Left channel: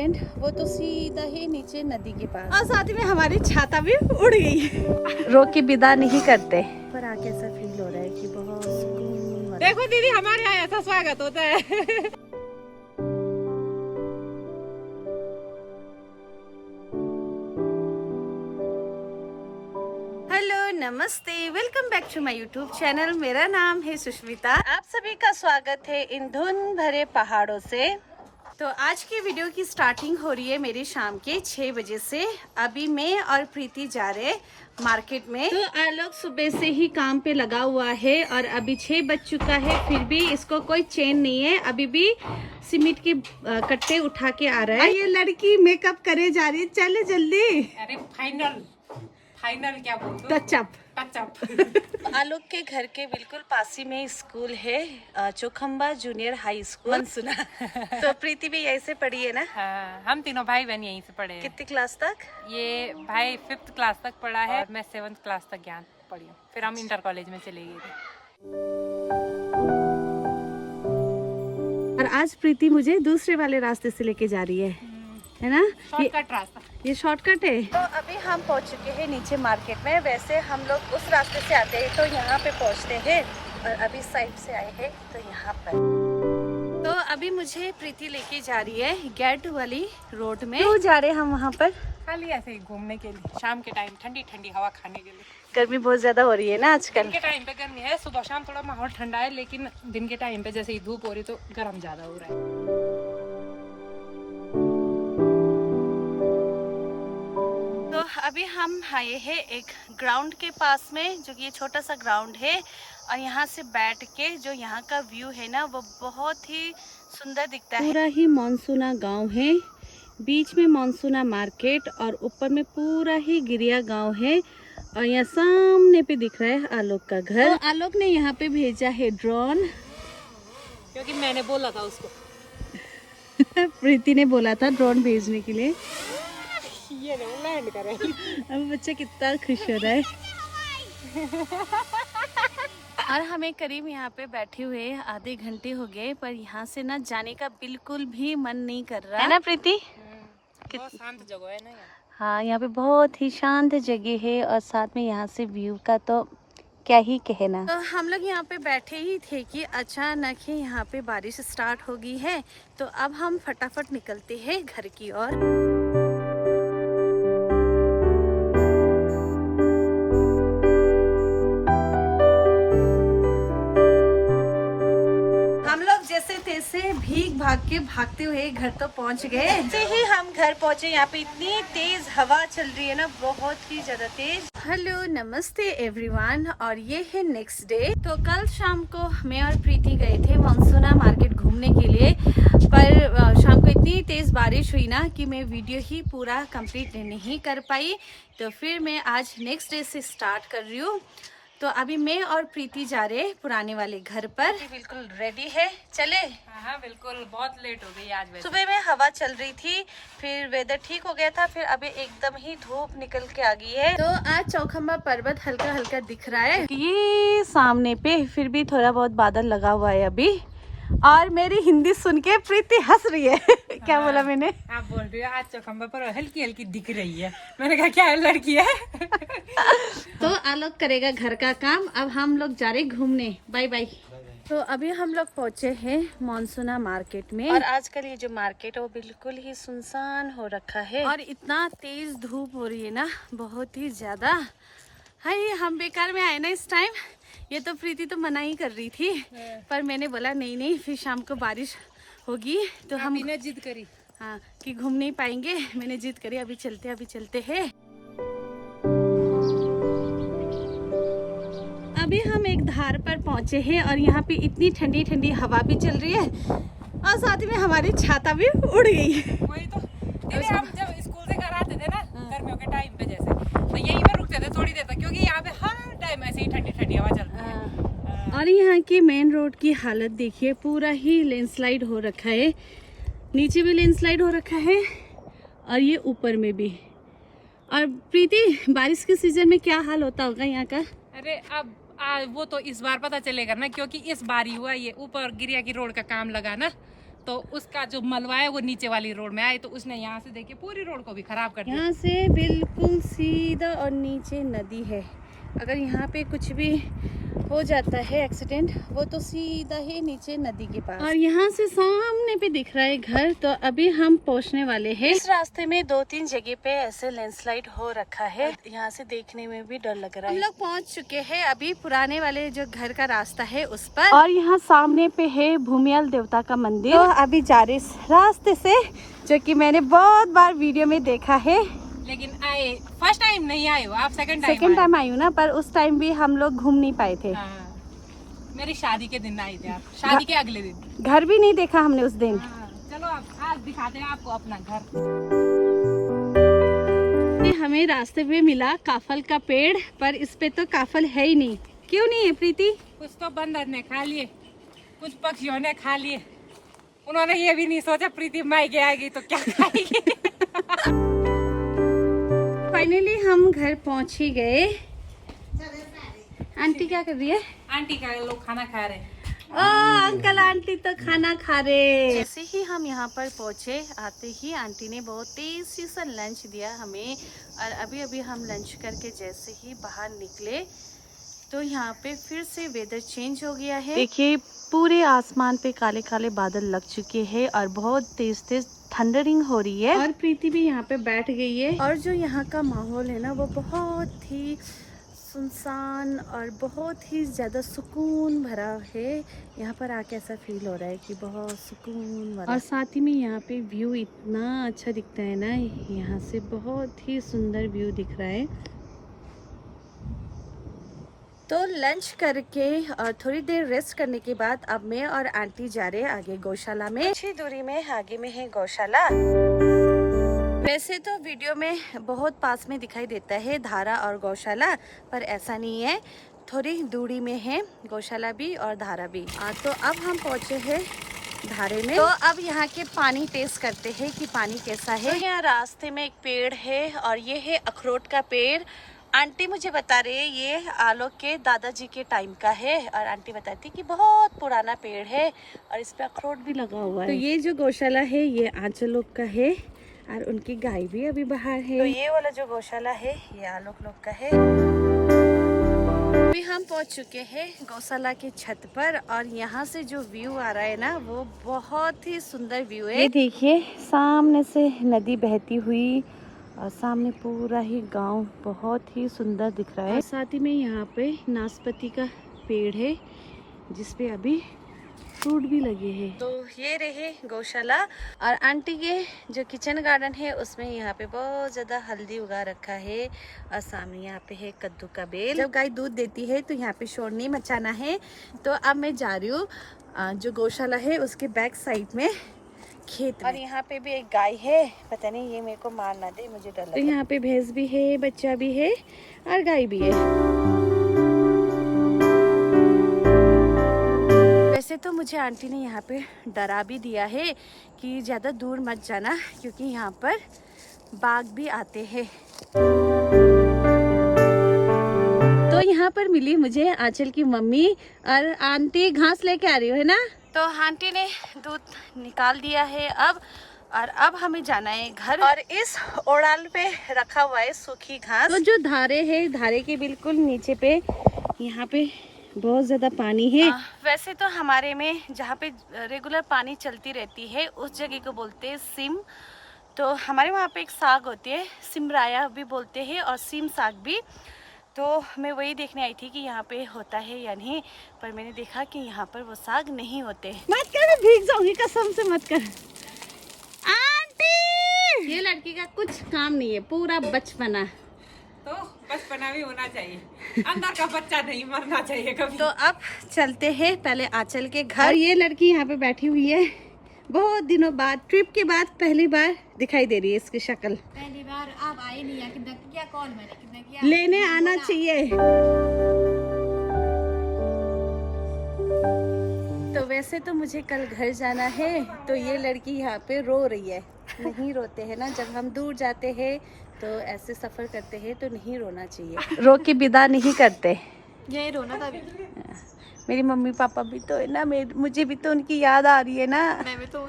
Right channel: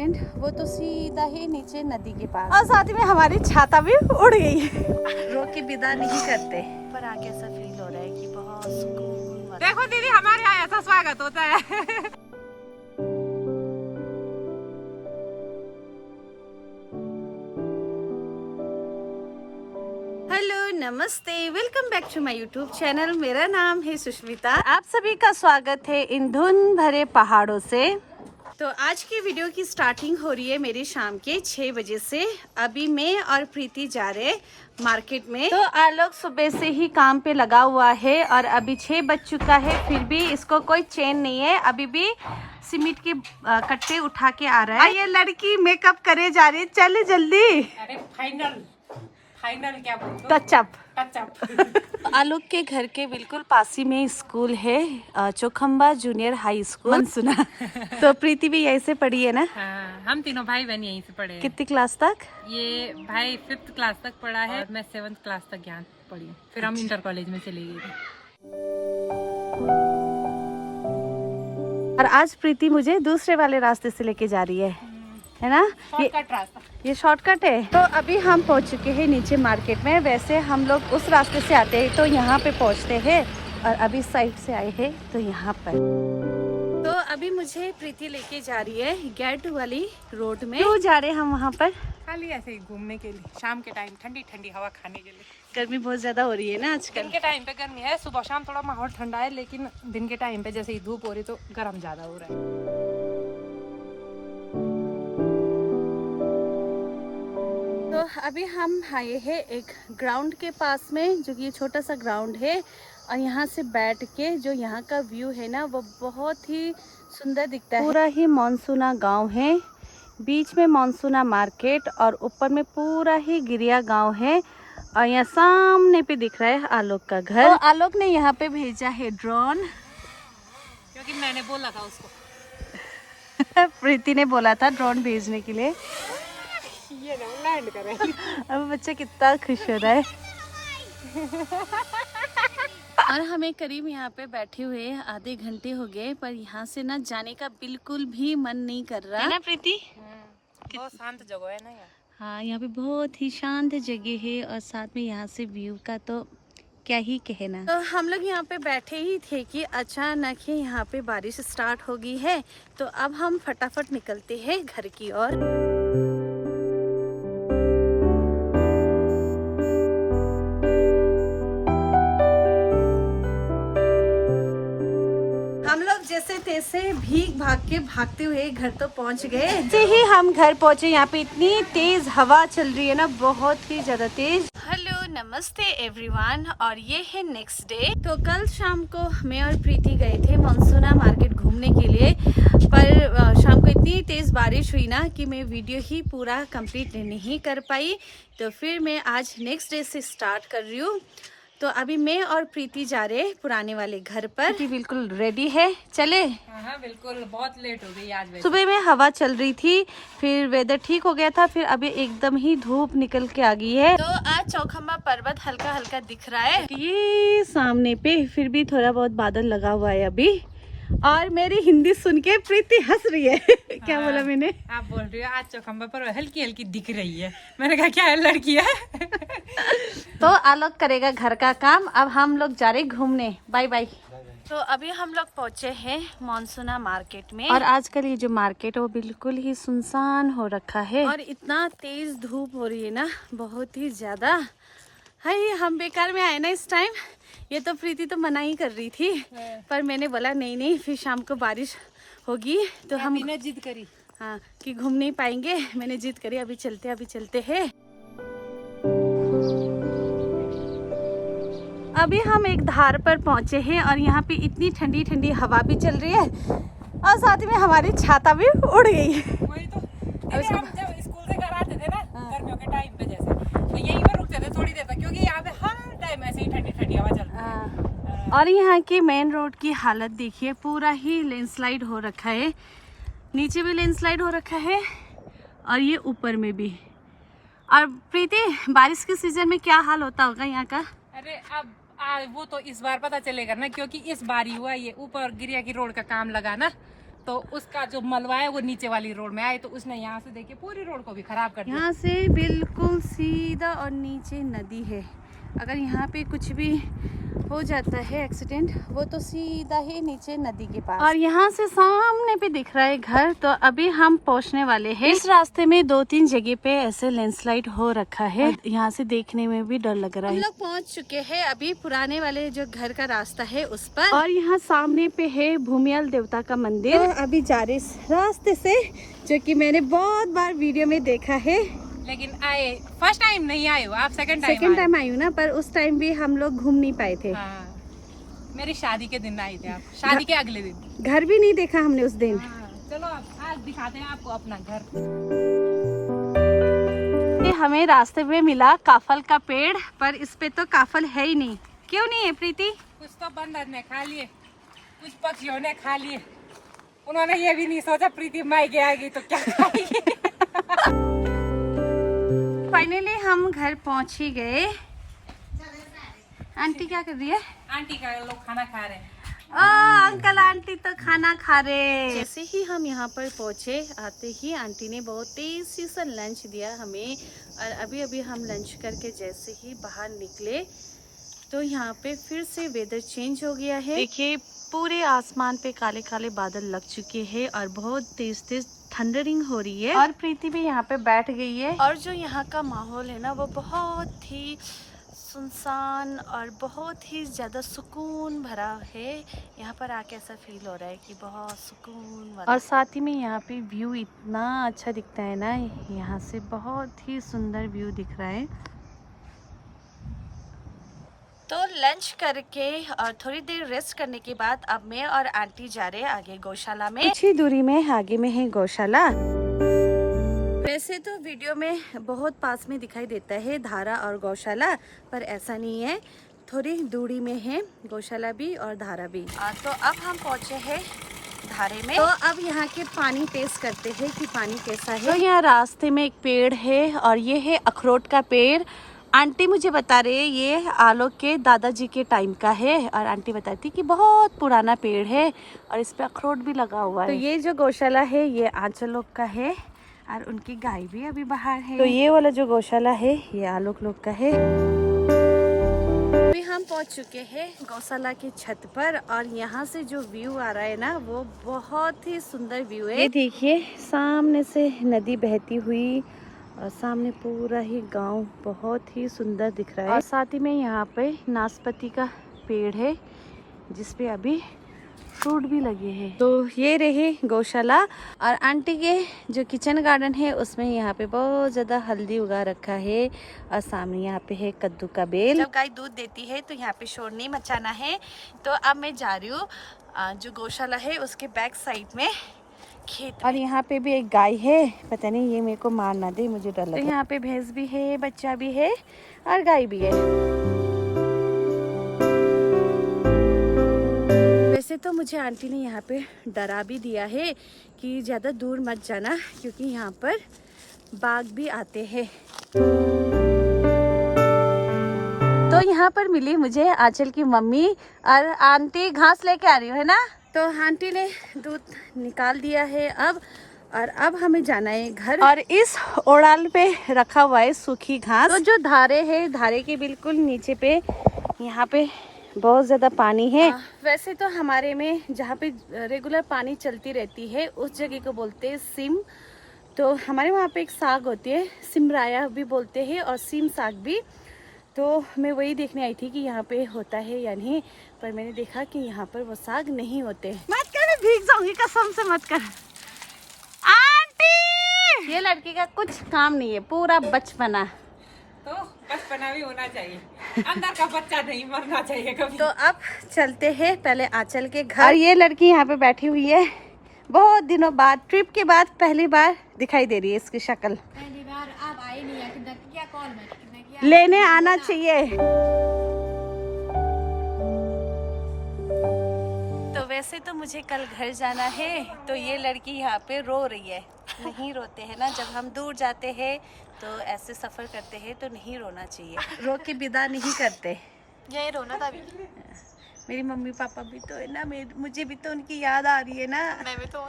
Tent वो तो सीधा ही नीचे नदी के पास, और साथ में हमारी छाता भी उड़ गई। रोक के विदा नहीं करते, पर आके ऐसा फील हो रहा है कि बहुत सुकून। देखो दीदी, हमारे यहाँ ऐसा स्वागत होता है। हेलो, नमस्ते, welcome back to my YouTube channel. मेरा नाम है सुष्मिता। आप सभी का स्वागत है इन धुंध भरे पहाड़ों से। तो आज की वीडियो की स्टार्टिंग हो रही है मेरी शाम के 6 बजे से। अभी मैं और प्रीति जा रहे मार्केट में। तो आलोक सुबह से ही काम पे लगा हुआ है और अभी 6 बज चुका है, फिर भी इसको कोई चैन नहीं है। अभी भी सीमेंट के कट्टे उठा के आ रहा है। ये लड़की मेकअप करे जा रही है, चल जल्दी। अरे फाइनल क्या बोलते? टचअप। टचअप। आलोक के घर के बिल्कुल पास ही में स्कूल है, चौखंबा जूनियर हाई स्कूल सुना। तो प्रीति भी यहीं से पढ़ी है ना? हाँ, हम तीनों भाई बहन यहीं से पढ़े हैं। कितनी क्लास तक? ये भाई 5th क्लास तक पढ़ा है, मैं 7th क्लास तक ज्ञान पढ़ी हूँ। फिर हम इंटर कॉलेज में चले गए थे। और आज प्रीति मुझे दूसरे वाले रास्ते से लेके जा रही है ना? शॉर्टकट रास्ता। ये शॉर्टकट है। तो अभी हम पहुंच चुके हैं नीचे मार्केट में। वैसे हम लोग उस रास्ते से आते हैं तो यहाँ पे पहुंचते हैं, और अभी साइड से आए हैं तो यहाँ पर। तो अभी मुझे प्रीति लेके जा रही है गेट वाली रोड में। क्यों जा रहे हैं हम वहाँ पर? खाली ऐसे ही घूमने के लिए, शाम के टाइम ठंडी ठंडी हवा खाने के लिए। गर्मी बहुत ज्यादा हो रही है ना आजकल। दिन के टाइम पे गर्मी है, सुबह शाम थोड़ा माहौल ठंडा है, लेकिन दिन के टाइम पे जैसे ही धूप हो रही तो गर्म ज्यादा हो रहा है। तो अभी हम आए हैं एक ग्राउंड के पास में, जो कि ये छोटा सा ग्राउंड है, और यहाँ से बैठ के जो यहाँ का व्यू है ना, वो बहुत ही सुंदर दिखता है। पूरा ही मानसूना गांव है, बीच में मानसूना मार्केट, और ऊपर में पूरा ही गिरिया गांव है। और यहाँ सामने पे दिख रहा है आलोक का घर। तो आलोक ने यहाँ पे भेजा है ड्रोन, क्योंकि मैंने बोला था उसको। प्रीति ने बोला था ड्रोन भेजने के लिए। ये लैंड करे। अब बच्चा कितना खुश हो रहा है। और हमें करीब यहाँ पे बैठे हुए आधे घंटे हो गए, पर यहाँ से ना जाने का बिल्कुल भी मन नहीं कर रहा है ना प्रीति? बहुत शांत जगह है ना यहाँ। हाँ, यहाँ पे बहुत ही शांत जगह है, और साथ में यहाँ से व्यू का तो क्या ही कहना। तो हम लोग यहाँ पे बैठे ही थे कि अचानक ही यहाँ पे बारिश स्टार्ट हो गई है। तो अब हम फटाफट निकलते हैं घर की ओर। जैसे तैसे भीग भाग के भागते हुए घर तो पहुंच गए। जैसे ही हम घर पहुंचे, यहाँ पे इतनी तेज हवा चल रही है ना, बहुत ही ज्यादा तेज। हेलो, नमस्ते एवरीवन, और ये है नेक्स्ट डे। तो कल शाम को मैं और प्रीति गए थे मानसूना मार्केट घूमने के लिए, पर शाम को इतनी तेज बारिश हुई ना कि मैं वीडियो ही पूरा कंप्लीट नहीं कर पाई। तो फिर मैं आज नेक्स्ट डे से स्टार्ट कर रही हूँ। तो अभी मैं और प्रीति जा रहे हैं पुराने वाले घर पर। बिल्कुल रेडी है, चले? हाँ बिल्कुल, बहुत लेट हो गई आज। सुबह में हवा चल रही थी, फिर वेदर ठीक हो गया था, फिर अभी एकदम ही धूप निकल के आ गई है। तो आज चौखंबा पर्वत हल्का हल्का दिख रहा है ये सामने पे, फिर भी थोड़ा बहुत बादल लगा हुआ है अभी। और मेरी हिंदी सुन के प्रीति हंस रही है। क्या हाँ, बोला मैंने? आप बोल रही हो आज चौखंबा पर हल्की हल्की दिख रही है। मैंने कहा क्या है, लड़की है। तो आलोक करेगा घर का काम, अब हम लोग जा रहे घूमने। Bye bye. तो अभी हम लोग पहुंचे हैं मानसूना मार्केट में, और आजकल ये जो मार्केट है वो बिल्कुल ही सुनसान हो रखा है, और इतना तेज धूप हो रही है ना, बहुत ही ज्यादा। हाय, हम बेकार में आए ना इस टाइम। ये तो प्रीति तो मना ही कर रही थी, पर मैंने बोला नहीं, फिर शाम को बारिश होगी तो हम जिद करी। हाँ, कि घूम नहीं पाएंगे। मैंने जिद करी, अभी चलते हैं। अभी हम एक धार पर पहुंचे हैं, और यहाँ पे इतनी ठंडी ठंडी हवा भी चल रही है, और साथ में हमारी छाता भी उड़ गई। वही तो, हम जब स्कूल से घर आते थे ना, गर्मियों के टाइम पे जैसे, तो यहीं पर रुकते थे थोड़ी देर तक, क्योंकि यहाँ पे हर टाइम ऐसे ही ठंडी ठंडी हवा चलती है। और यहाँ की मेन रोड की हालत देखिए, पूरा ही लैंडस्लाइड हो रखा है। नीचे भी लैंडस्लाइड हो रखा है, और ये ऊपर में भी। और प्रीति, बारिश के सीजन में क्या हाल होता होगा यहाँ का? अरे अब वो तो इस बार पता चलेगा ना, क्योंकि इस बार ही हुआ ये ऊपर गिरिया की रोड का काम लगा ना, तो उसका जो मलबा है वो नीचे वाली रोड में आए, तो उसने यहाँ से देखिए पूरी रोड को भी खराब कर दिया। यहाँ से बिल्कुल सीधा और नीचे नदी है। अगर यहाँ पे कुछ भी हो जाता है एक्सीडेंट, वो तो सीधा ही नीचे नदी के पास। और यहाँ से सामने पे दिख रहा है घर। तो अभी हम पहुँचने वाले हैं। इस रास्ते में 2-3 जगह पे ऐसे लैंडस्लाइड हो रखा है। यहाँ से देखने में भी डर लग रहा है। हम लोग पहुँच चुके हैं अभी पुराने वाले जो घर का रास्ता है उस पर। और यहाँ सामने पे है भूमियल देवता का मंदिर। तो अभी जा रहे इस रास्ते से, जो कि मैंने बहुत बार वीडियो में देखा है। लेकिन आए फर्स्ट टाइम नहीं आए हो आप, सेकंड टाइम आई हूँ ना, पर उस टाइम भी हम लोग घूम नहीं पाए थे। मेरी शादी के दिन आए थे आप, शादी के अगले दिन। घर भी नहीं देखा हमने उस दिन। चलो अब आज दिखाते हैं आपको अपना घर। हमें रास्ते में मिला काफल का पेड़, पर इस पे तो काफल है ही नहीं। क्यों नहीं है प्रीति? कुछ तो बंदर ने खा लिए, कुछ पक्षियों ने खा लिए। उन्होंने ये भी नहीं सोचा प्रीति मायके आएगी तो क्या खाएगी। फाइनली हम घर पहुंच ही गए। आंटी क्या कर रही है? आंटी का लोग खाना खा रहे हैं। अंकल आंटी तो खाना खा रहे। जैसे ही हम यहाँ पर पहुँचे, आते ही आंटी ने बहुत टेस्टी सा लंच दिया हमें। और अभी अभी हम लंच करके जैसे ही बाहर निकले तो यहाँ पे फिर से वेदर चेंज हो गया है। देखिए पूरे आसमान पे काले काले बादल लग चुके हैं और बहुत तेज तेज थंडरिंग हो रही है। और प्रीति भी यहाँ पे बैठ गई है। और जो यहाँ का माहौल है ना, वो बहुत ही सुनसान और बहुत ही ज़्यादा सुकून भरा है। यहाँ पर आके ऐसा फील हो रहा है कि बहुत सुकून भरा। और साथ ही में यहाँ पे व्यू इतना अच्छा दिखता है ना, यहाँ से बहुत ही सुंदर व्यू दिख रहा है। तो लंच करके और थोड़ी देर रेस्ट करने के बाद अब मैं और आंटी जा रहे हैं आगे गौशाला में। कुछ ही दूरी में आगे में है गौशाला। वैसे तो वीडियो में बहुत पास में दिखाई देता है धारा और गौशाला, पर ऐसा नहीं है, थोड़ी दूरी में है गौशाला भी और धारा भी। तो अब हम पहुंचे हैं धारे में। तो अब यहाँ के पानी टेस्ट करते हैं कि पानी कैसा है। तो यहाँ रास्ते में एक पेड़ है और ये है अखरोट का पेड़। आंटी मुझे बता रहे ये आलोक के दादाजी के टाइम का है। और आंटी बताती कि बहुत पुराना पेड़ है और इस पे अखरोट भी लगा हुआ है। तो ये जो गौशाला है ये आंचल लोग का है और उनकी गाय भी अभी बाहर है। तो ये वाला जो गौशाला है ये आलोक लोग का है। अभी हम पहुंच चुके हैं गौशाला की छत पर और यहाँ से जो व्यू आ रहा है ना, वो बहुत ही सुंदर व्यू है। देखिए सामने से नदी बहती हुई और सामने पूरा ही गांव बहुत ही सुंदर दिख रहा है। और साथ ही में यहाँ पे नाशपाती का पेड़ है जिसपे अभी फ्रूट भी लगे हैं। तो ये रहे गौशाला। और आंटी के जो किचन गार्डन है उसमें यहाँ पे बहुत ज्यादा हल्दी उगा रखा है। और सामने यहाँ पे है कद्दू का बेल। जब गाय दूध देती है तो यहाँ पे शोर नहीं मचाना है। तो अब मैं जा रही हूँ जो गौशाला है उसके बैक साइड में खेत। और यहाँ पे भी एक गाय है, पता नहीं ये मेरे को मार ना दे, मुझे डर लगता है। तो यहाँ पे भैंस भी है, बच्चा भी है और गाय भी है। वैसे तो मुझे आंटी ने यहाँ पे डरा भी दिया है कि ज्यादा दूर मत जाना क्योंकि यहाँ पर बाघ भी आते हैं। तो यहाँ पर मिली मुझे आंचल की मम्मी और आंटी घास लेके आ रही हो है ना। तो आंटी ने दूध निकाल दिया है अब, और अब हमें जाना है घर। और इस ओड़ाल पे रखा हुआ है सूखी घास। तो जो धारे है, धारे के बिल्कुल नीचे पे यहाँ पे बहुत ज़्यादा पानी है। वैसे तो हमारे में जहाँ पे रेगुलर पानी चलती रहती है उस जगह को बोलते हैं सिम। तो हमारे वहाँ पे एक साग होती है, सिमराया भी बोलते हैं और सिम साग भी। तो मैं वही देखने आई थी कि यहाँ पे होता है या नहीं, पर मैंने देखा कि यहाँ पर वो साग नहीं होते। मत कर, भीग जाऊंगी कसम से, मत कर। आंटी ये लड़की का कुछ काम नहीं है, पूरा बचपना। तो बचपना भी होना चाहिए, अंदर का बच्चा नहीं मरना चाहिए कभी। तो अब चलते हैं पहले आंचल के घर। ये लड़की यहाँ पे बैठी हुई है, बहुत दिनों बाद, ट्रिप के बाद पहली बार दिखाई दे रही है इसकी शक्ल। पहली बार आप आई नहीं है, क्या कॉल में लेने आना चाहिए। तो वैसे तो मुझे कल घर जाना है, तो ये लड़की यहाँ पे रो रही है। नहीं रोते हैं ना, जब हम दूर जाते हैं तो ऐसे सफर करते हैं तो नहीं रोना चाहिए। रो के विदा नहीं करते, यही रोना था अभी। मेरी मम्मी पापा भी तो है ना, मुझे भी तो उनकी याद आ रही है ना। मैं भी तो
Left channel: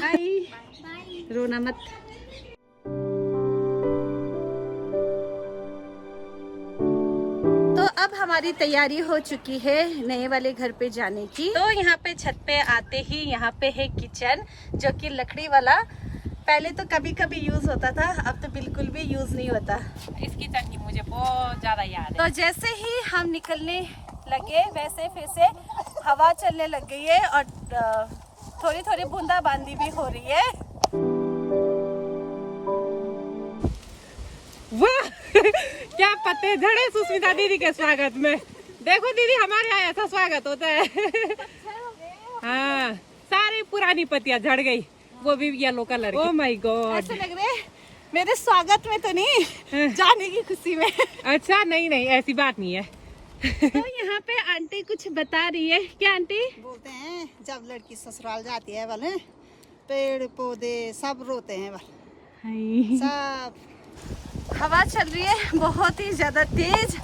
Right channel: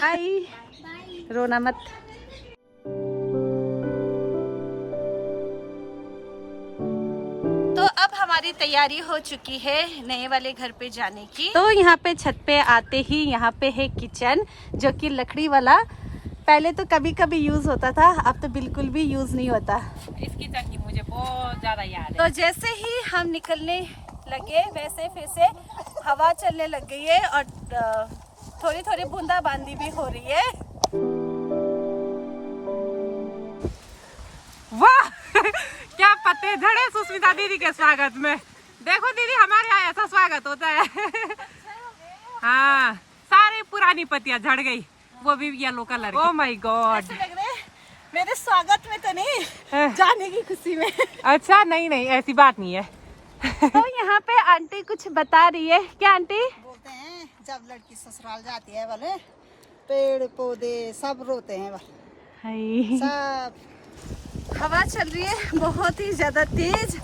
हाय, रोना मत। तो अब हमारी तैयारी हो चुकी है नए वाले घर पे जाने की। तो यहाँ पे छत पे आते ही यहाँ पे है किचन, जो कि लकड़ी वाला पहले तो कभी कभी यूज होता था, अब तो बिल्कुल भी यूज नहीं होता। इस किचन की मुझे बहुत ज्यादा याद है। तो जैसे ही हम निकलने लगे वैसे फिर से हवा चलने लग गई है और थोड़ी थोड़ी बूंदाबांदी भी हो रही है। वाह क्या पत्ते झड़े सुष्मिता दीदी के स्वागत में। देखो दीदी, हमारे यहाँ ऐसा स्वागत होता है। हाँ, सारी पुरानी पत्तियां झड़ गई, वो भी येलो कलर की। ओह माय गॉड, ऐसे लग रहे मेरे स्वागत में तो नहीं, जाने की खुशी में। अच्छा नहीं नहीं, ऐसी बात नहीं है। तो यहाँ पे आंटी कुछ बता रही है। क्या आंटी? बोलते हैं जब लड़की ससुराल जाती है वाले पेड़ पौधे सब रोते हैं वाले सब। हवा चल रही है बहुत ही ज्यादा तेज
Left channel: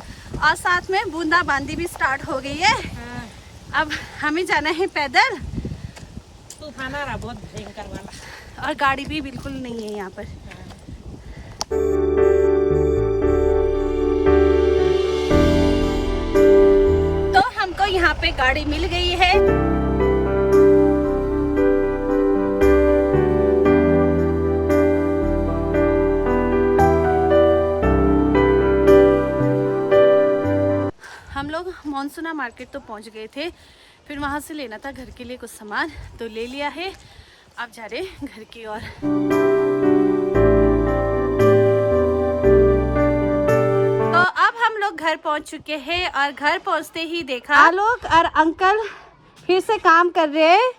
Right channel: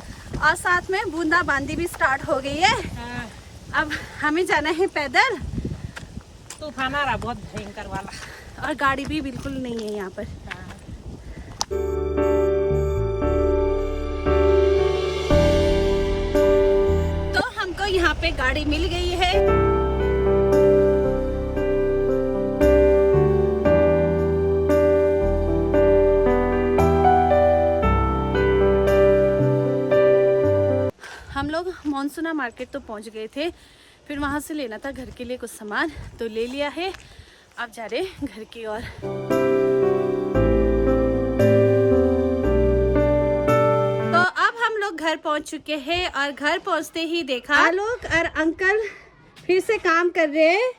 और साथ में बूंदाबांदी भी स्टार्ट हो गई है। अब हमें जाना है पैदल। तूफान आ रहा बहुत भयंकर वाला, और गाड़ी भी बिल्कुल नहीं है यहाँ पर। तो हमको यहाँ पे गाड़ी मिल गई है। हम लोग मॉनसूना मार्केट तो पहुँच गए थे, फिर वहाँ से लेना था घर के लिए कुछ सामान, तो ले लिया है। अब जा रहे घर की ओर। तो अब हम लोग घर पहुँच चुके हैं और घर पहुँचते ही देखा लोग और अंकल फिर से काम कर रहे हैं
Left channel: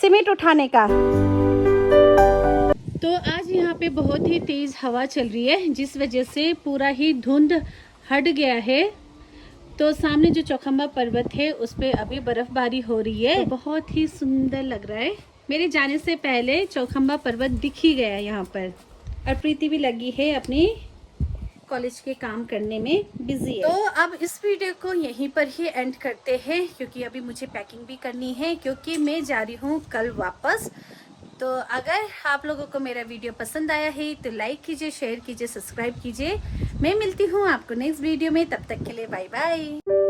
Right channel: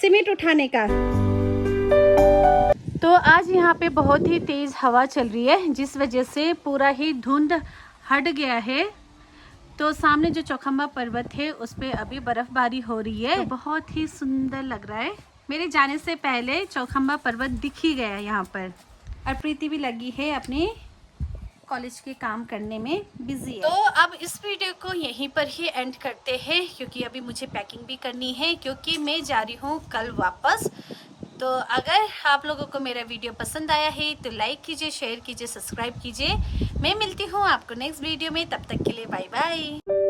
सीमेंट उठाने का। तो आज यहाँ पे बहुत ही तेज हवा चल रही है, जिस वजह से पूरा ही धुंध हट गया है। तो सामने जो चौखंबा पर्वत है उस पे अभी बर्फबारी हो रही है, तो बहुत ही सुंदर लग रहा है। मेरे जाने से पहले चौखंबा पर्वत दिख ही गया यहाँ पर। और प्रीति भी लगी है अपने कॉलेज के काम करने में बिजी है। तो अब इस वीडियो को यहीं पर ही एंड करते हैं, क्योंकि अभी मुझे पैकिंग भी करनी है, क्योंकि मैं जा रही हूँ कल वापस। तो अगर आप लोगों को मेरा वीडियो पसंद आया है तो लाइक कीजिए, शेयर कीजिए, सब्सक्राइब कीजिए। मैं मिलती हूँ आपको नेक्स्ट वीडियो में, तब तक के लिए बाय बाय।